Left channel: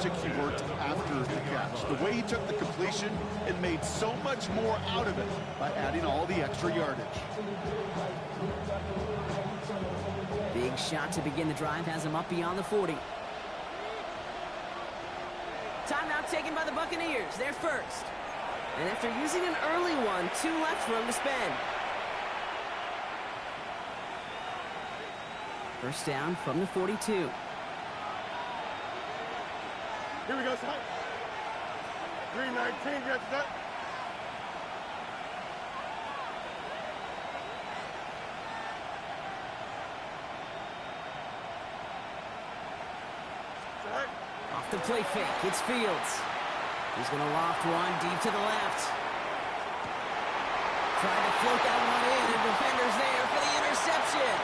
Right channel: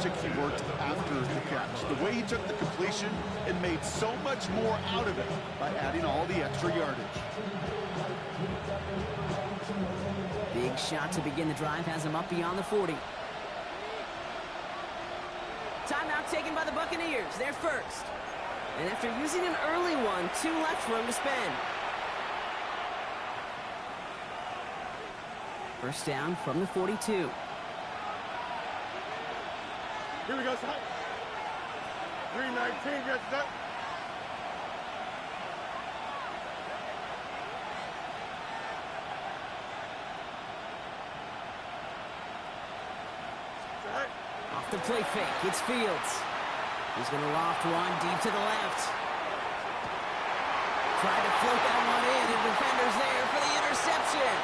magic he worked after the catch. The way he took the completion and made so much more out of it by adding all the extra yardage. Big shot to begin the drive has him up beyond the 40. Timeout taken by the Buccaneers. They're first. And after using an early one, 2 left for him to spend. First down from the 42. Here we go, son. 319, get that. Off the play fake, it's Fields. He's going to loft one deep to the left. Tried to float that one in, and defender's there for the interception.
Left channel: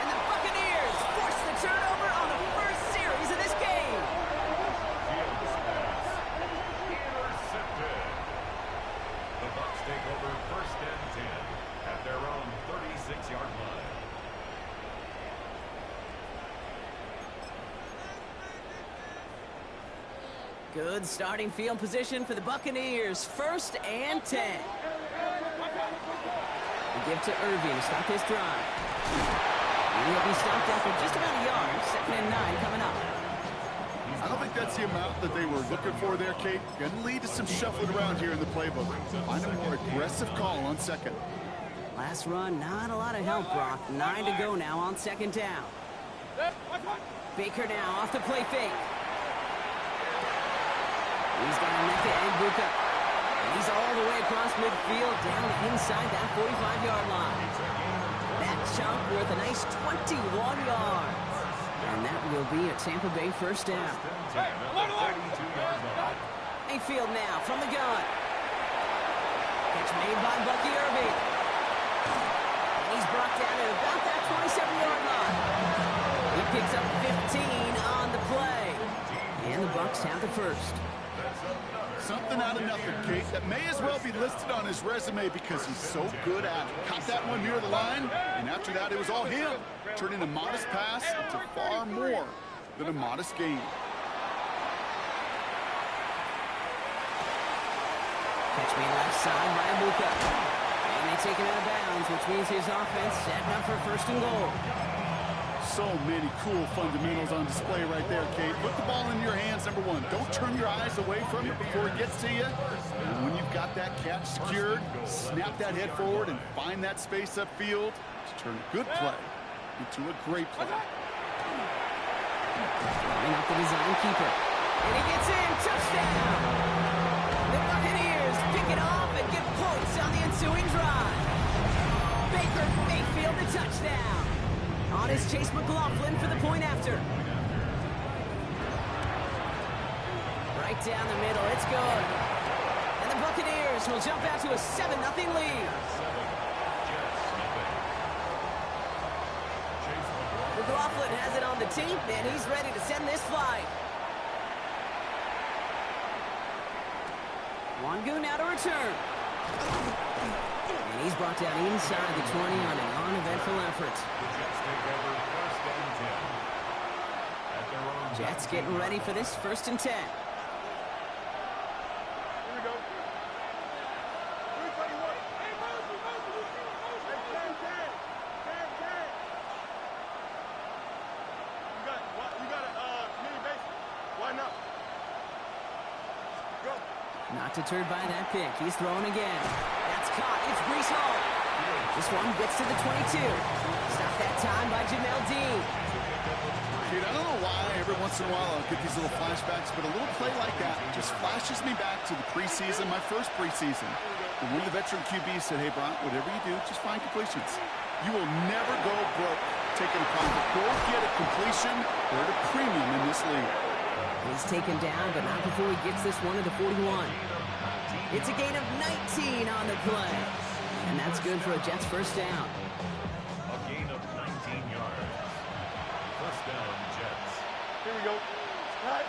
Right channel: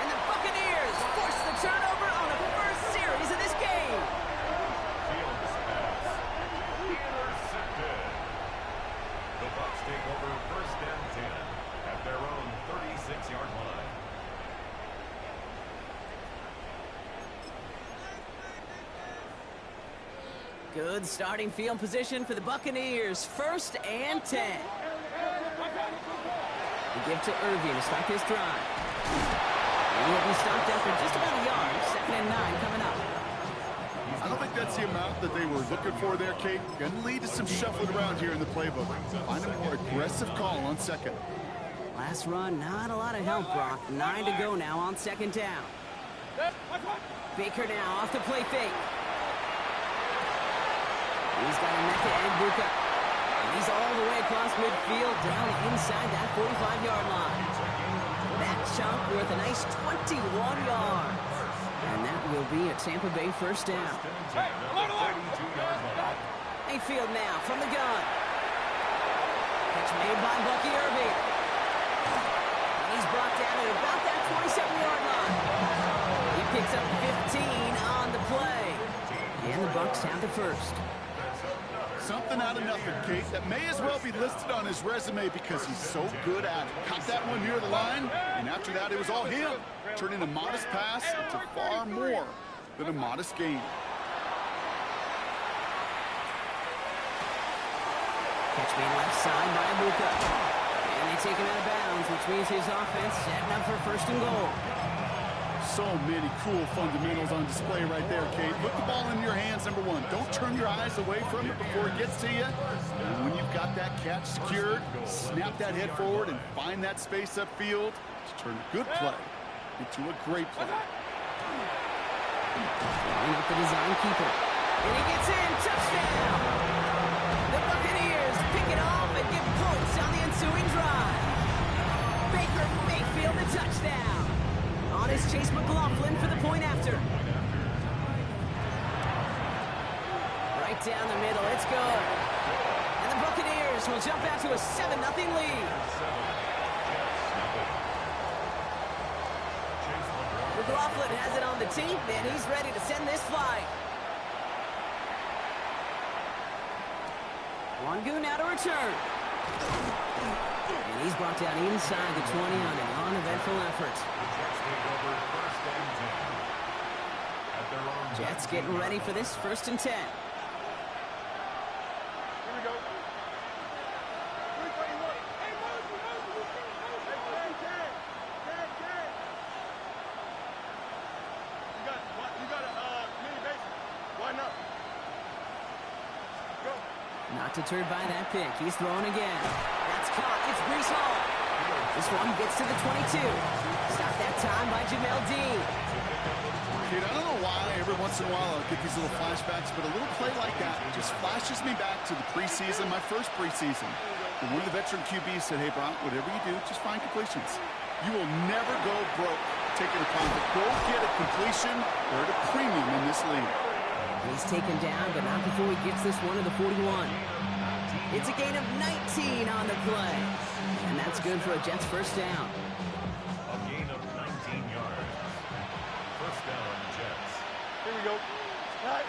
And the Buccaneers force the turnover on the first series of this game. Fields pass intercepted. The Bucs take over first and 10 at their own 36-yard line. Good starting field position for the Buccaneers. First and 10. We give to Irving to start this drive. He'll be stopped after just about a yard. 2nd and 9 coming up. I don't think that's the amount that they were looking for there, Kate. Going to lead to some shuffling around here in the playbook. Find a more aggressive call on second. Last run, not a lot of help, Brock. 9 to go now on 2nd down. Baker now off the play fake. He's got a net to Mbuka. And he's all the way across midfield, down inside that 45-yard line. That chunk worth a nice 21 yards. And that will be a Tampa Bay first down. Mayfield now from the gun. Catch made by Bucky Irving. And he's brought down at about that 27-yard line. He picks up 15 on the play. And the Bucs have the first. Something out of nothing, Kate, that may as well be listed on his resume because he's so good at it. Caught that one near the line, and after that, it was all him, turning a modest pass into far more than a modest gain. Catch made left side by Mbuka. And they take him out of bounds, which means his offense setting up for 1st and goal. So many cool fundamentals on display right there, Kate. Put the ball in your hands, number one. Don't turn your eyes away from it before it gets to you. And when you've got that catch secured, snap that head forward and find that space upfield to turn a good play into a great play. Line up the design keeper. And he gets in. Touchdown! The Buccaneers pick it off and get points on the ensuing drive. Baker Mayfield the touchdown. On is Chase McLaughlin for the point after. Right down the middle, it's good. And the Buccaneers will jump out to a 7-0 lead. McLaughlin has it on the tee, and he's ready to send this flight. Wangu now to return. And he's brought down inside the 20 on an uneventful effort. The Jets take over first and 10 at their own. Jets getting ready for this 1st and 10. Here we go. 321. Hey, Moses. You got a mini base. Why not? Go. Not deterred by that pick. He's throwing again. That's caught. It's Breece Hall. This one gets to the 22. Stopped that time by Jamel Dean. Kate, I don't know why every once in a while I'll get these little flashbacks, but a little play like that just flashes me back to the preseason, my first preseason. And one of the veteran QBs said, hey, Brock, whatever you do, just find completions. You will never go broke taking a punt. Go get a completion. They're at a premium in this league. He's taken down, but not before he gets this one to the 41. It's a gain of 19 on the play. And that's good for a Jets first down. A gain of 19 yards. First down, Jets. Here we go. Right.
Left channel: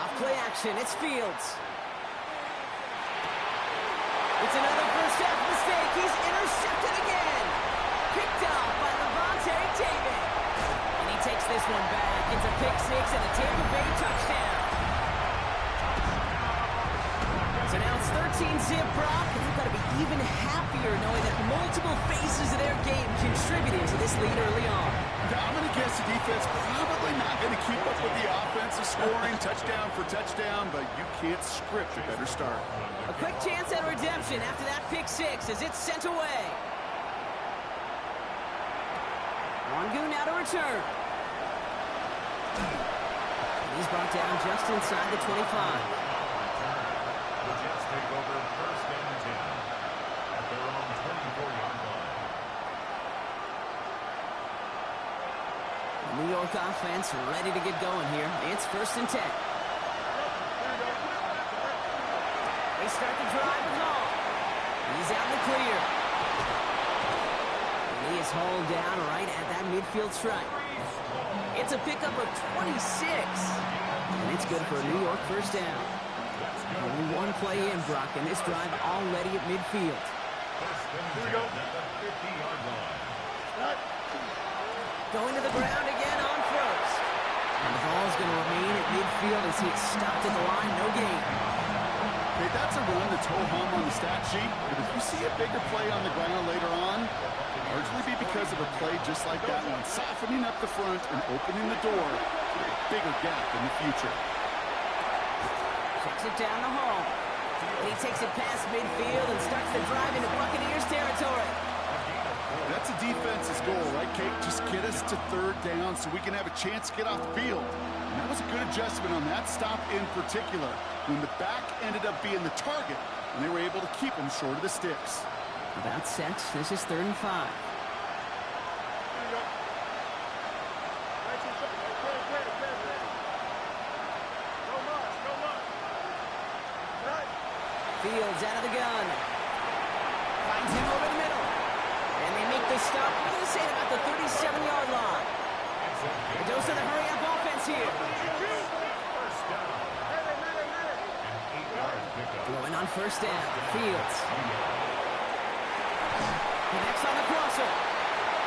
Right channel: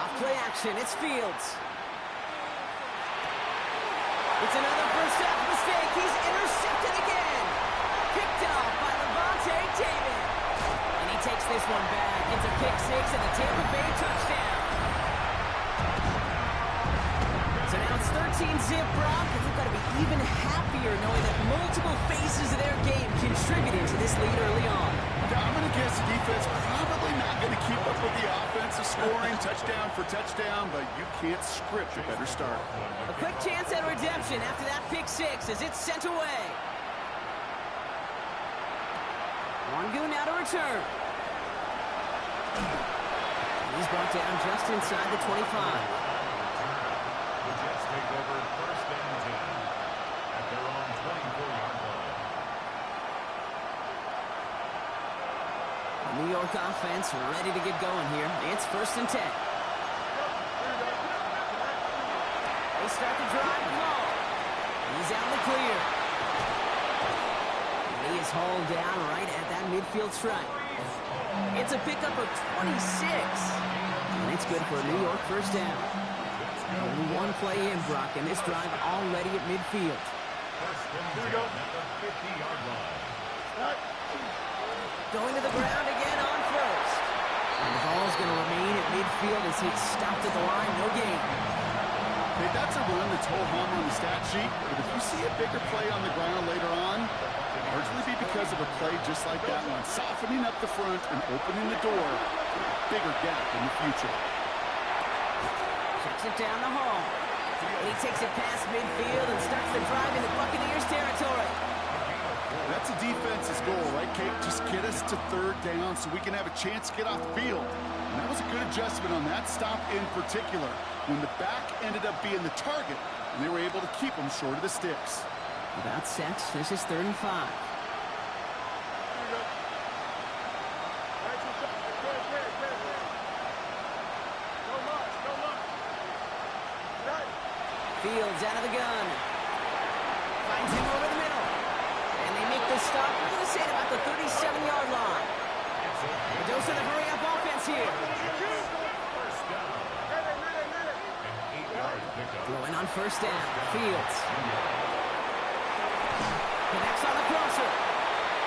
Off play action, it's Fields. It's another first half mistake. He's intercepted again. Picked off by Levante David. And he takes this one back. It's a pick six, and the Tampa Bay 14-zip, Brock, and they've got to be even happier knowing that multiple phases of their game contributed to this lead early on. Yeah, I'm going to guess the defense probably not going to keep up with the offensive scoring touchdown for touchdown, but you can't script a better start. A quick chance at redemption after that pick six as it's sent away. Wangu now to return. He's brought down just inside the 25. The Jets take over first and 10 at their own 24-yard line. The New York offense ready to get going here. It's first and 10. They start the drive with Hall. He's out in the clear. And he is hauled down right at that midfield stripe. It's a pickup of 26. And it's good for a New York first down. Only one play in, Brock, and this drive already at midfield. First and 10 at the 50-yard line. Going to the ground again on first. And the ball's going to remain at midfield as he is stopped at the line. No gain. Okay, that's a run that's ho-hum on the stat sheet, but if you see a bigger play on the ground later on, it'll largely be because of a play just like that one, softening up the front and opening the door to a bigger gap in the future. Checks it down the hall. And he takes it past midfield and starts the drive into Buccaneers territory. That's a defense's goal, right, Kate? Just get us to third down so we can have a chance to get off the field. And that was a good adjustment on that stop in particular, when the back ended up being the target, and they were able to keep him short of the sticks. About set. This is 3rd and 5. Here we go. Nice and shot. Clear. Go much. Right. Fields out of the gun. Finds him over the middle. And they make the stop. We're going to say at about the 37-yard line. A dose of the hurry-up offense here. First down. An 8-yard pickup. Throwing on first down. Fields. Connects on the crosser.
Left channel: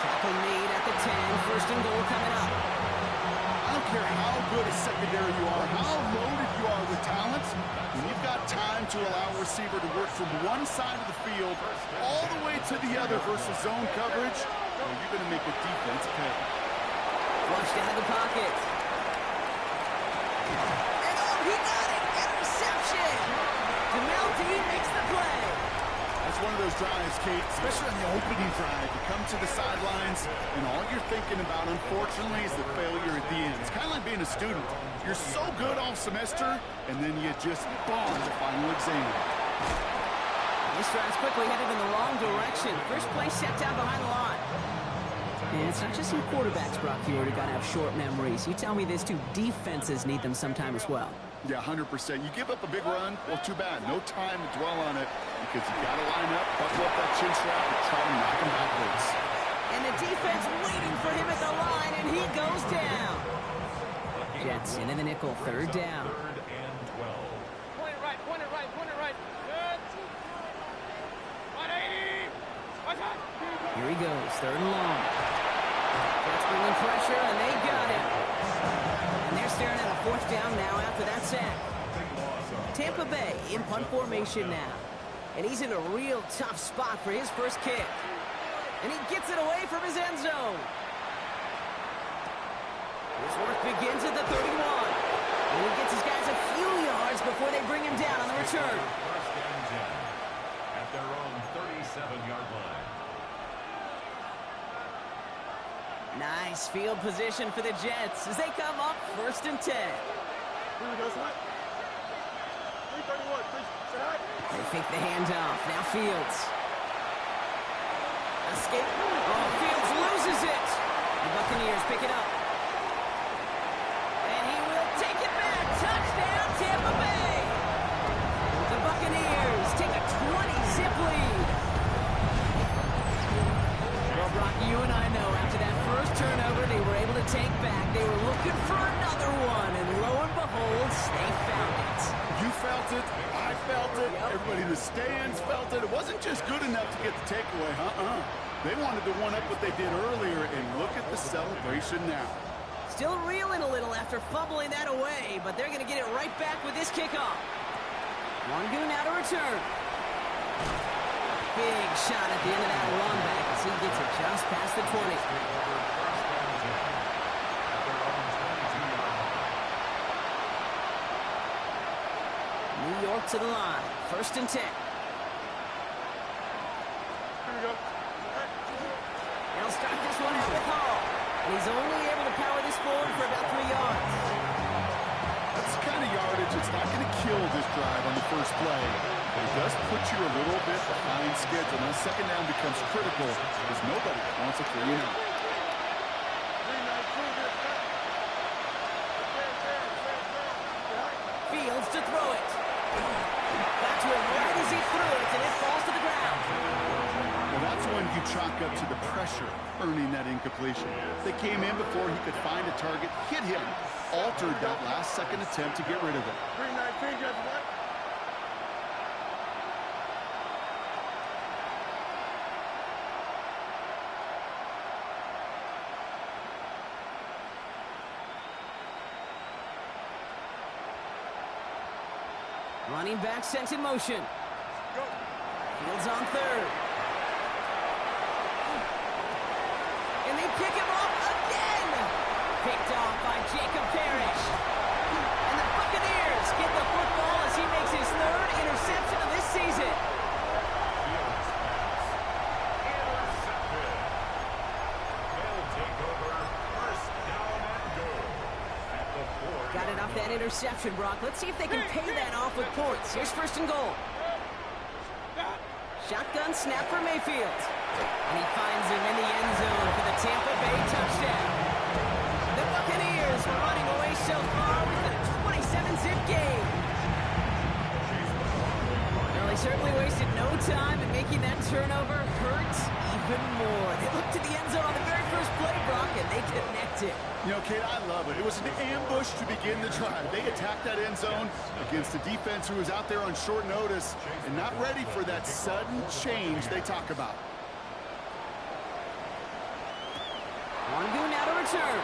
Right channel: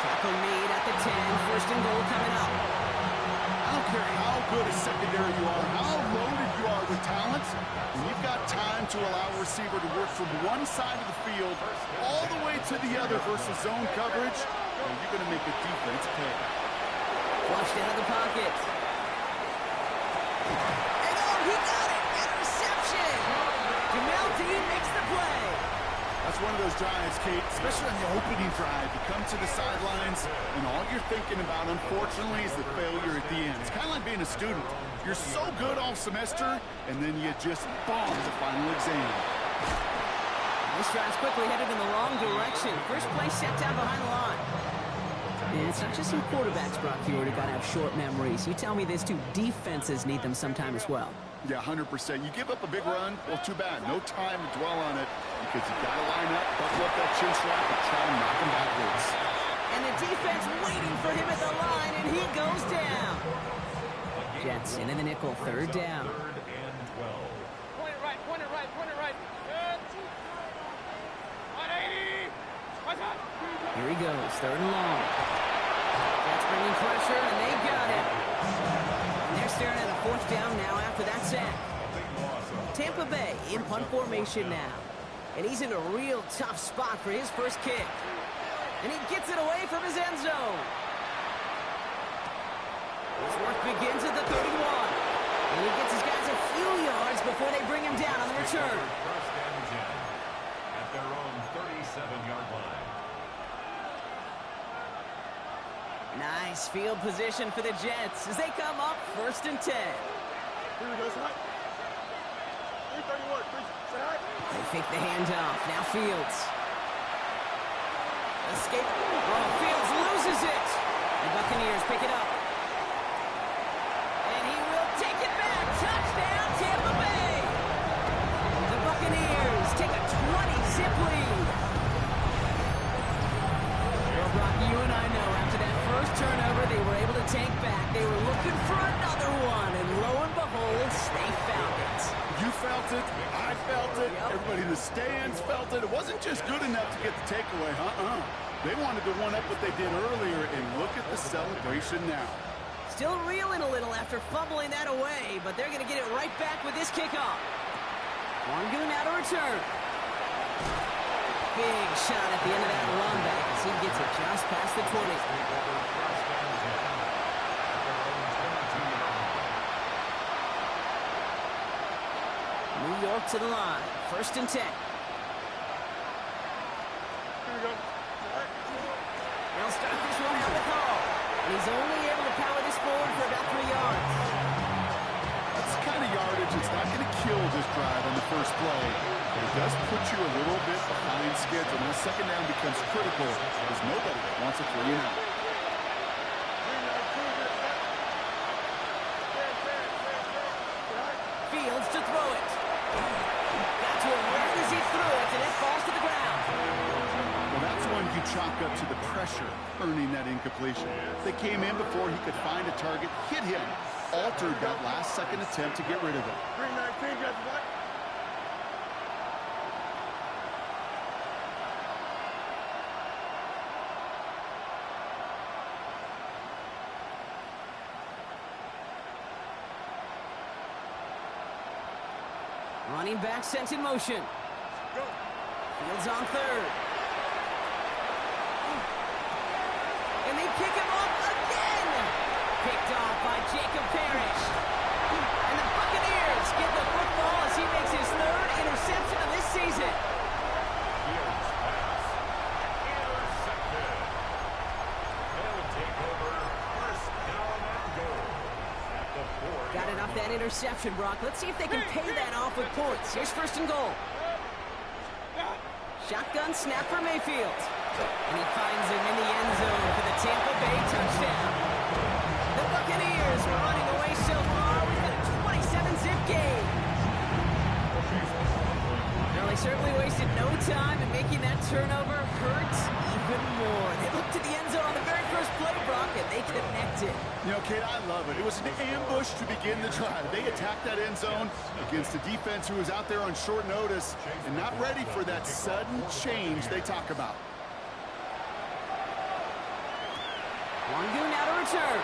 Tackle made at the 10. First and goal coming up. I don't care how good a secondary you are, how loaded you are with talent, when you've got time to allow a receiver to work from one side of the field all the way to the other versus zone coverage, well, you're going to make a defense pay. Flushed out of the pocket. And he got it! Interception! Jamel Dean makes the play. That's one of those drives, Kate, especially on the opening drive. You come to the sidelines, and all you're thinking about, unfortunately, is the failure at the end. It's kind of like being a student. You're so good all semester, and then you just bomb the final exam. This drive's quickly headed in the wrong direction. First play set down behind the line. And it's not just some quarterbacks, Brock, you already got to have short memories. You tell me this too, defenses need them sometime as well. Yeah, 100%. You give up a big run, well, too bad. No time to dwell on it because you got to line up, buckle up that chin strap, and try to knock him backwards. And the defense waiting for him at the line, and he goes down. Jets into the nickel, 3rd down. 3rd and 12. Point it right. Good. 180. Here he goes, 3rd and long. Jets bringing pressure, and they got him. And they're staring at a 4th down now after that sack. Tampa Bay in punt formation now. And he's in a real tough spot for his first kick. And he gets it away from his end zone. His work begins at the 31. And he gets his guys a few yards before they bring him down on the return. First and 10 at their own 37-yard line. Nice field position for the Jets as they come up 1st and 10. Here we go, son. 331. They fake the handoff. Now Fields. Escape. Oh, Fields loses it. The Buccaneers pick it up. And he will take it back. Touchdown, Tampa Bay. The Buccaneers take a 20-zip lead. Well, Brock, you and I know after that first turnover they were able to take back. They were looking for another one, and lo and behold, they found it. You felt it. I felt it. Yep. Everybody in the stands felt it. It wasn't just good enough to get the takeaway. They wanted to one-up what they did earlier, and look at the celebration now. Still reeling a little after fumbling that away, but they're going to get it right back with this kickoff. Wangu now to return. Big shot at the end of that run back as he gets it just past the 20. Take over first and 10 at their own 22-yard line. New York to the line. First and 10. Here we go. All right. They'll start this one out with Hall. And he's only able to power this forward for about 3 yards. That's the kind of yardage that's not going to kill this drive on the first play. But it does put you a little bit behind schedule. Now, second down becomes critical because nobody wants a 3 and out. 319, get it back. Fields to throw it. Got to him right as he threw it, and it falls to the ground. Well, that's when you chalk up to the pressure earning that incompletion. They came in before he could find a target, hit him, altered that last-second attempt to get rid of it. 319, get it back. Running back sent in motion. Go. Fields on third. And they pick him off again. Picked off by Jacob Parrish. And the Buccaneers get the football as he makes his third interception of this season. Fields pass. Intercepted. They'll take over first down and goal at the 4-yard Got it off that line. interception, Brock. Let's see if they can pay that off with points. Here's first and goal. Shotgun snap for Mayfield. And he finds him in the end zone for the Tampa Bay touchdown. The Buccaneers were running away so far. We've got a 27-zip game. Well, they certainly wasted no time in making that turnover hurt even more. They looked to the end zone on the very first play, Brock, and they connected. You know, Kate, I love it. It was an ambush to begin the drive. They attacked that end zone against a defense who was out there on short notice and not ready for that sudden change they talk about. Longu now to return.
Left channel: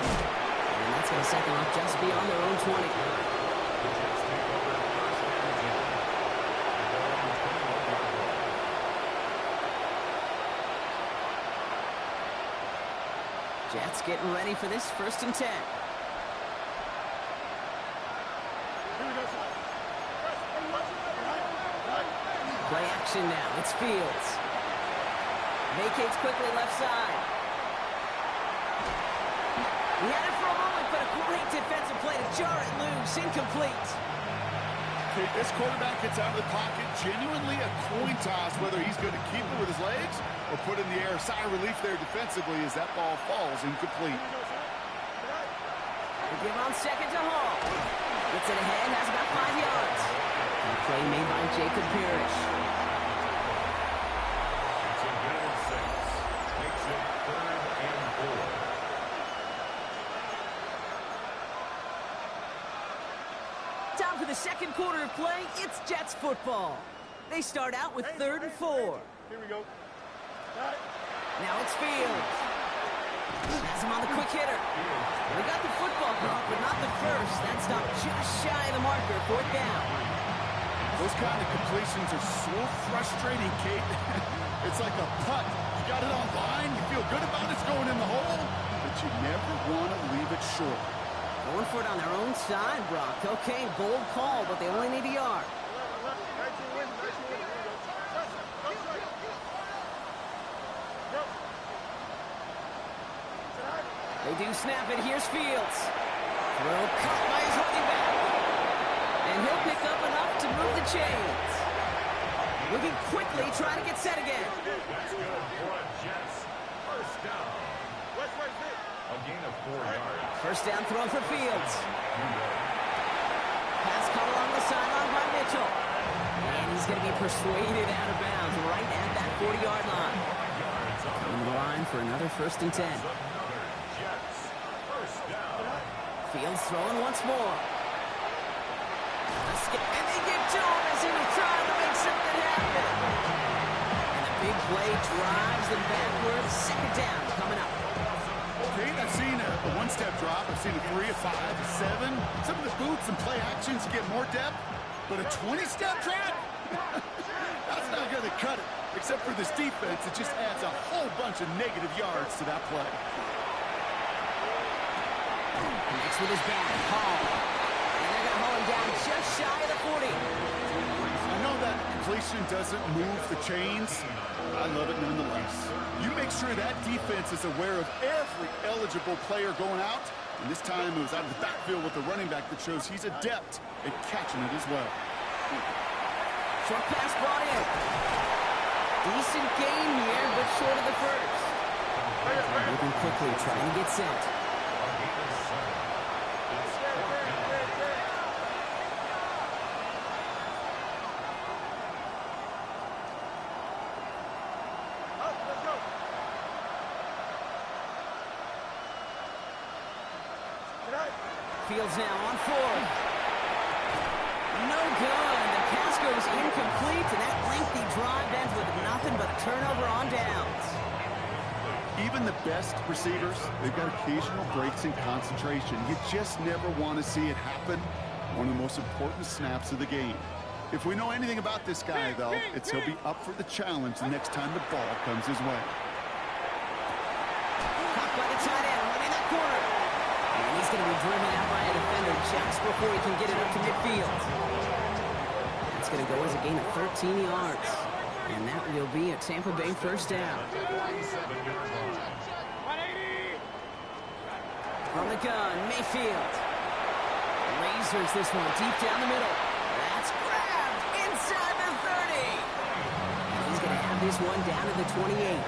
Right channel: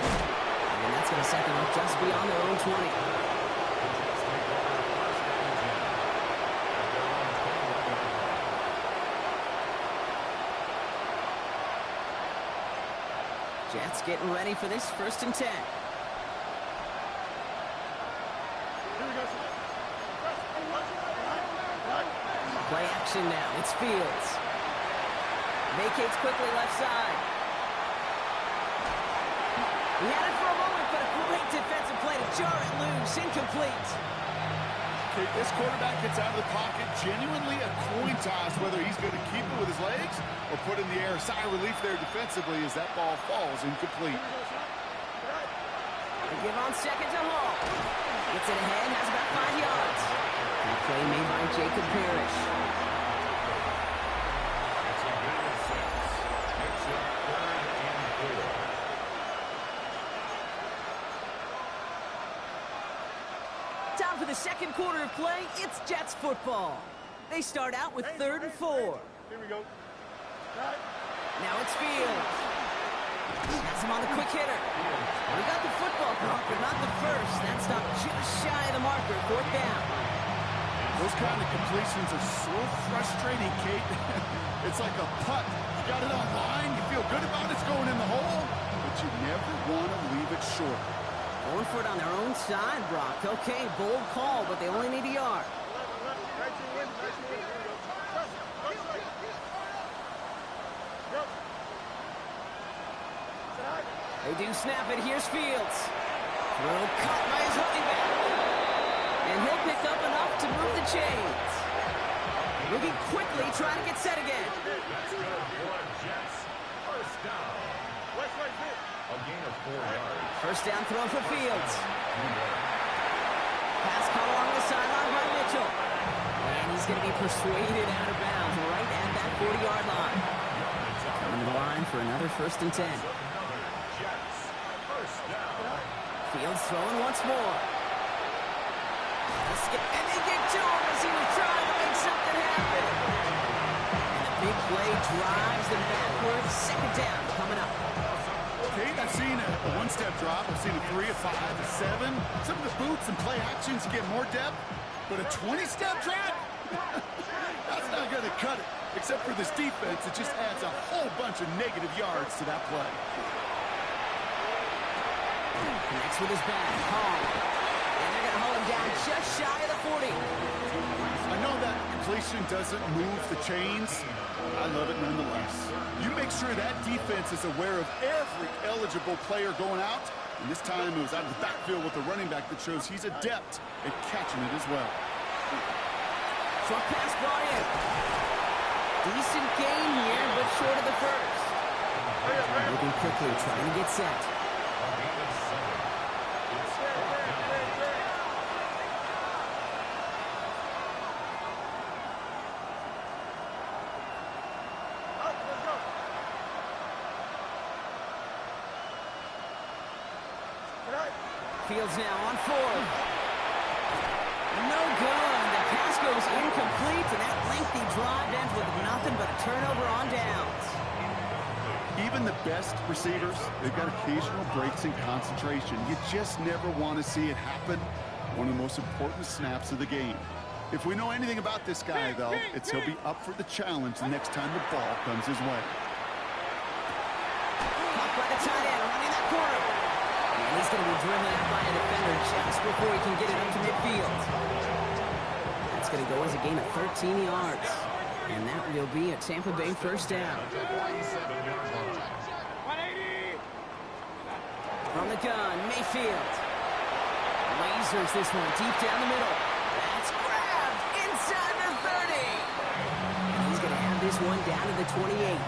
And that's going to set them up just beyond their own 20. The Jets take over first and 10 at their own 21-yard line. Jets getting ready for this first and 10. Here we go. Play action now. It's Fields. Vacates quickly left side. He had it for a moment, but a great defensive play to jar it loose. Incomplete. Kate, this quarterback gets out of the pocket, genuinely a coin toss whether he's going to keep it with his legs or put in the air. Sigh of relief there defensively as that ball falls incomplete. They give on second to Hall. Gets it ahead, has about 5 yards. And a play made by Jacob Parrish. It's a gain of 6. Makes it 3rd and 4. Time for the second quarter of play. It's Jets football. They start out with 3rd and 4. Here we go. Now it's Fields. Has him on the quick hitter. We got the football, Brock, but not the first. That stopped just shy of the marker. 4th down. Those kind of completions are so frustrating, Kate. It's like a putt. You got it on line, you feel good about it's going in the hole, but you never want to leave it short. Going for it on their own side, Brock. Okay, bold call, but they only need a yard. 19 wins, 19 wins. Here we go. Go. They do snap it. Here's Fields. Throw caught by his running back. And he'll pick up enough to move the chains. Moving quickly, trying to get set again. That's good for Jets. First down. West right there. A gain of 4 yards. First down throw for Fields. New York. Pass caught along the sideline by Mitchell. And he's going to be persuaded out of bounds right at that 40-yard line. Coming to the line for another first and 10. Another Jets. First down. Fields throwing once more. And they get to him as he was trying to make something happen. And the big play drives them backwards. Second down coming up. Kate, I've seen a one-step drop. I've seen a 3, a 5, a 7. Some of the boots and play actions get more depth, but a 20-step drop? That's not going to cut it. Except for this defense, it just adds a whole bunch of negative yards to that play. Connects with his back. Hall. And they're going to haul him down just shy of the 40. I know that completion doesn't move the chains. I love it nonetheless. You make sure that defense is aware of every eligible player going out. And this time it was out of the backfield with a running back that shows he's adept at catching it as well. Short pass brought in. Decent gain here, but short of the first. Moving quickly, trying to get set. Fields now on fourth. No good. The pass goes incomplete, and that lengthy drive ends with nothing but a turnover on downs. Even the best receivers, they've got occasional breaks in concentration. You just never want to see it happen. One of the most important snaps of the game. If we know anything about this guy, though, it's he'll be up for the challenge the next time the ball comes his way. Caught by the tight end, running that corner. And he's going to be driven out by a defender just before he can get it up to midfield. That's going to go as a gain of 13 yards. And that will be a Tampa Bay first down. From the gun, Mayfield. Lasers this one deep down the middle. That's grabbed inside the 30. And he's going to have this one down to the 28.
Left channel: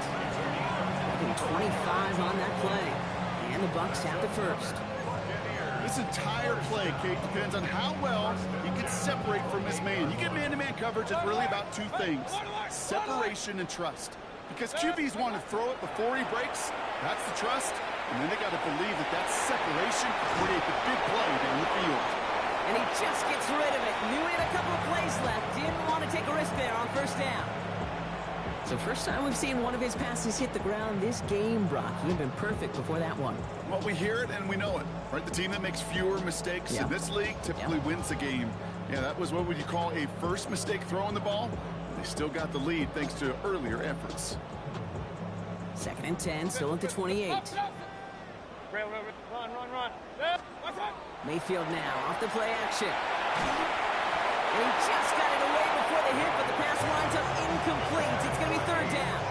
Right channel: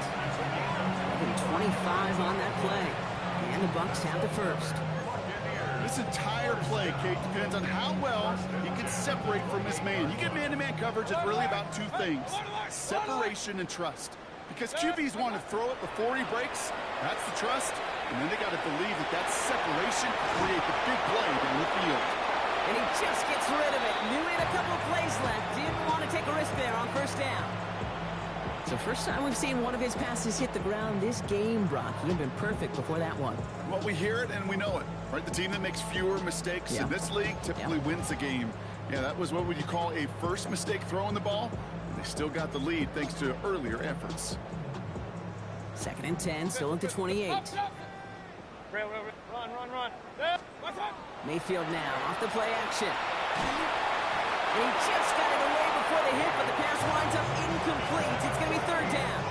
Having 25 on that play. And the Bucs have the first. This entire play, Kate, depends on how well he can separate from his man. You get man-to-man coverage, it's really about two things: separation and trust. Because QBs want to throw it before he breaks. That's the trust. And then they got to believe that that separation can create the big play down the field. And he just gets rid of it. Knew he had a couple of plays left. Didn't want to take a risk there on first down. So first time we've seen one of his passes hit the ground this game, Brock. He had been perfect before that one. Well, we hear it and we know it, right? The team that makes fewer mistakes in this league typically wins the game. Yeah, that was what would you call a first mistake throwing the ball. And they still got the lead thanks to earlier efforts. 2nd and 10, still at the 28. Run. Mayfield now off the play action. And he just got it away before the hit, but the pass winds up incomplete. It's going to be third down.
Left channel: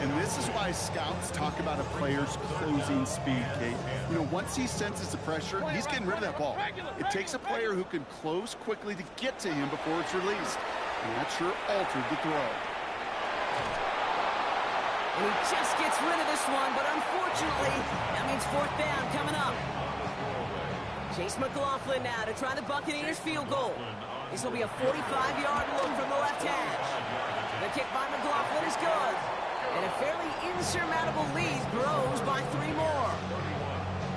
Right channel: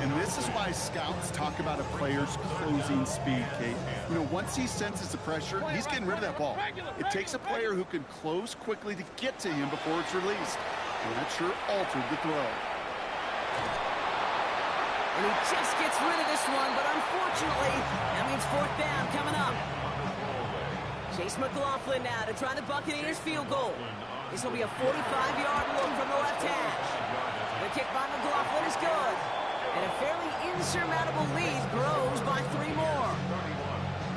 And this is why scouts talk about a player's closing speed, Kate. You know, once he senses the pressure, he's getting rid of that ball. It takes a player who can close quickly to get to him before it's released. And that sure altered the throw. And he just gets rid of this one, but unfortunately, that means fourth down coming up. Chase McLaughlin now to try the Buccaneers field goal. This will be a 45-yard look from the left hash. The kick by McLaughlin is good. And a fairly insurmountable lead grows by 3 more.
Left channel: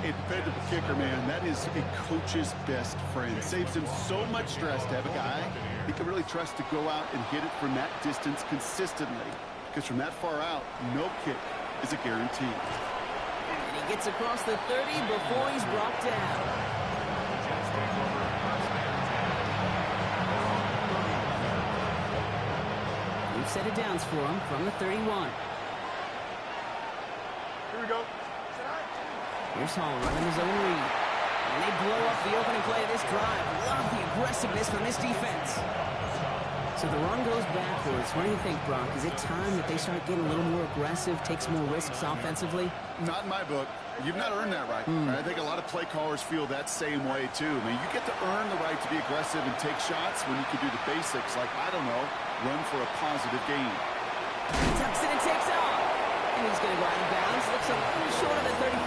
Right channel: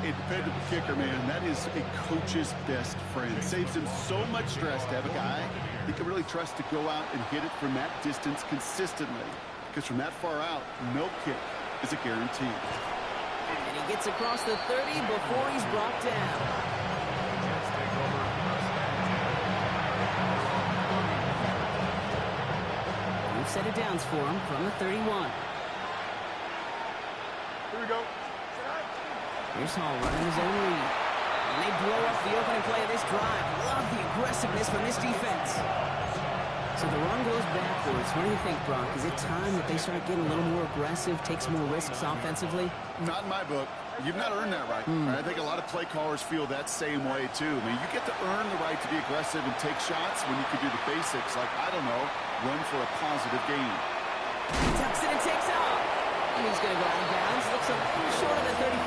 A dependable kicker, man. That is a coach's best friend. Saves him so much stress to have a guy he can really trust to go out and hit it from that distance consistently. Because from that far out, no kick is a guarantee. And he gets across the 30 before he's brought down. New set of downs for him from the 31. Here we go. Here's Hall running his own read. And they blow up the opening play of this drive. Love the aggressiveness from this defense. So the run goes backwards. What do you think, Brock? Is it time that they start getting a little more aggressive, take some more risks offensively? Not in my book. You've not earned that right. I think a lot of play callers feel that same way, too. I mean, you get to earn the right to be aggressive and take shots when you can do the basics, like, I don't know, run for a positive gain. He tucks it and takes off. And he's going to go out of bounds. Looks a little short of the 35.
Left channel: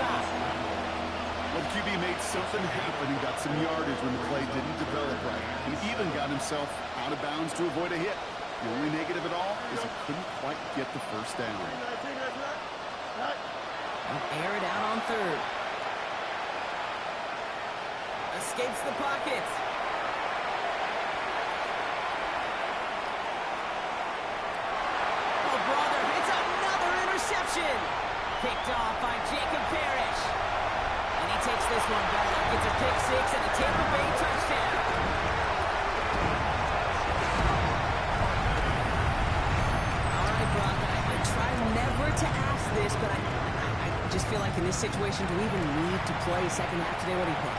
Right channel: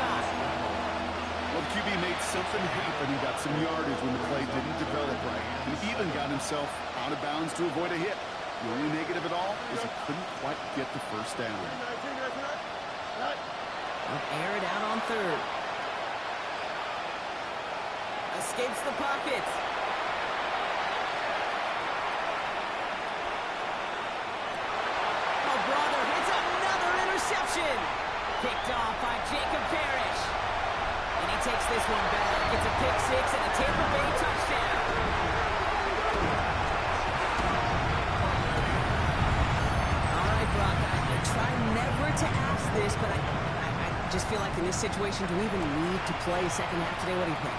Well, the QB made something happen and got some yardage when the play didn't develop right. And even got himself out of bounds to avoid a hit. The only negative at all is he couldn't quite get the first down. I'll air it out on third. Escapes the pocket. Oh, brother, it's another interception. Picked off by Jacob Parrish. And he takes this one back. It's a pick six and a Tampa Bay touchdown. try never to ask this, but I just feel like in this situation, do we even need to play second half today? What do you think?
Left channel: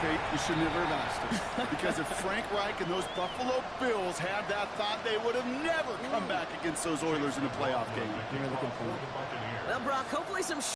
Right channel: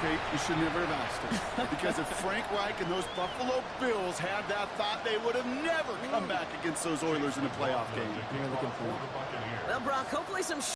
Kate, you should never have asked her. Because if Frank Reich and those Buffalo Bills had that thought, they would have never come back against those Oilers in a playoff game. Well, Brock, hopefully some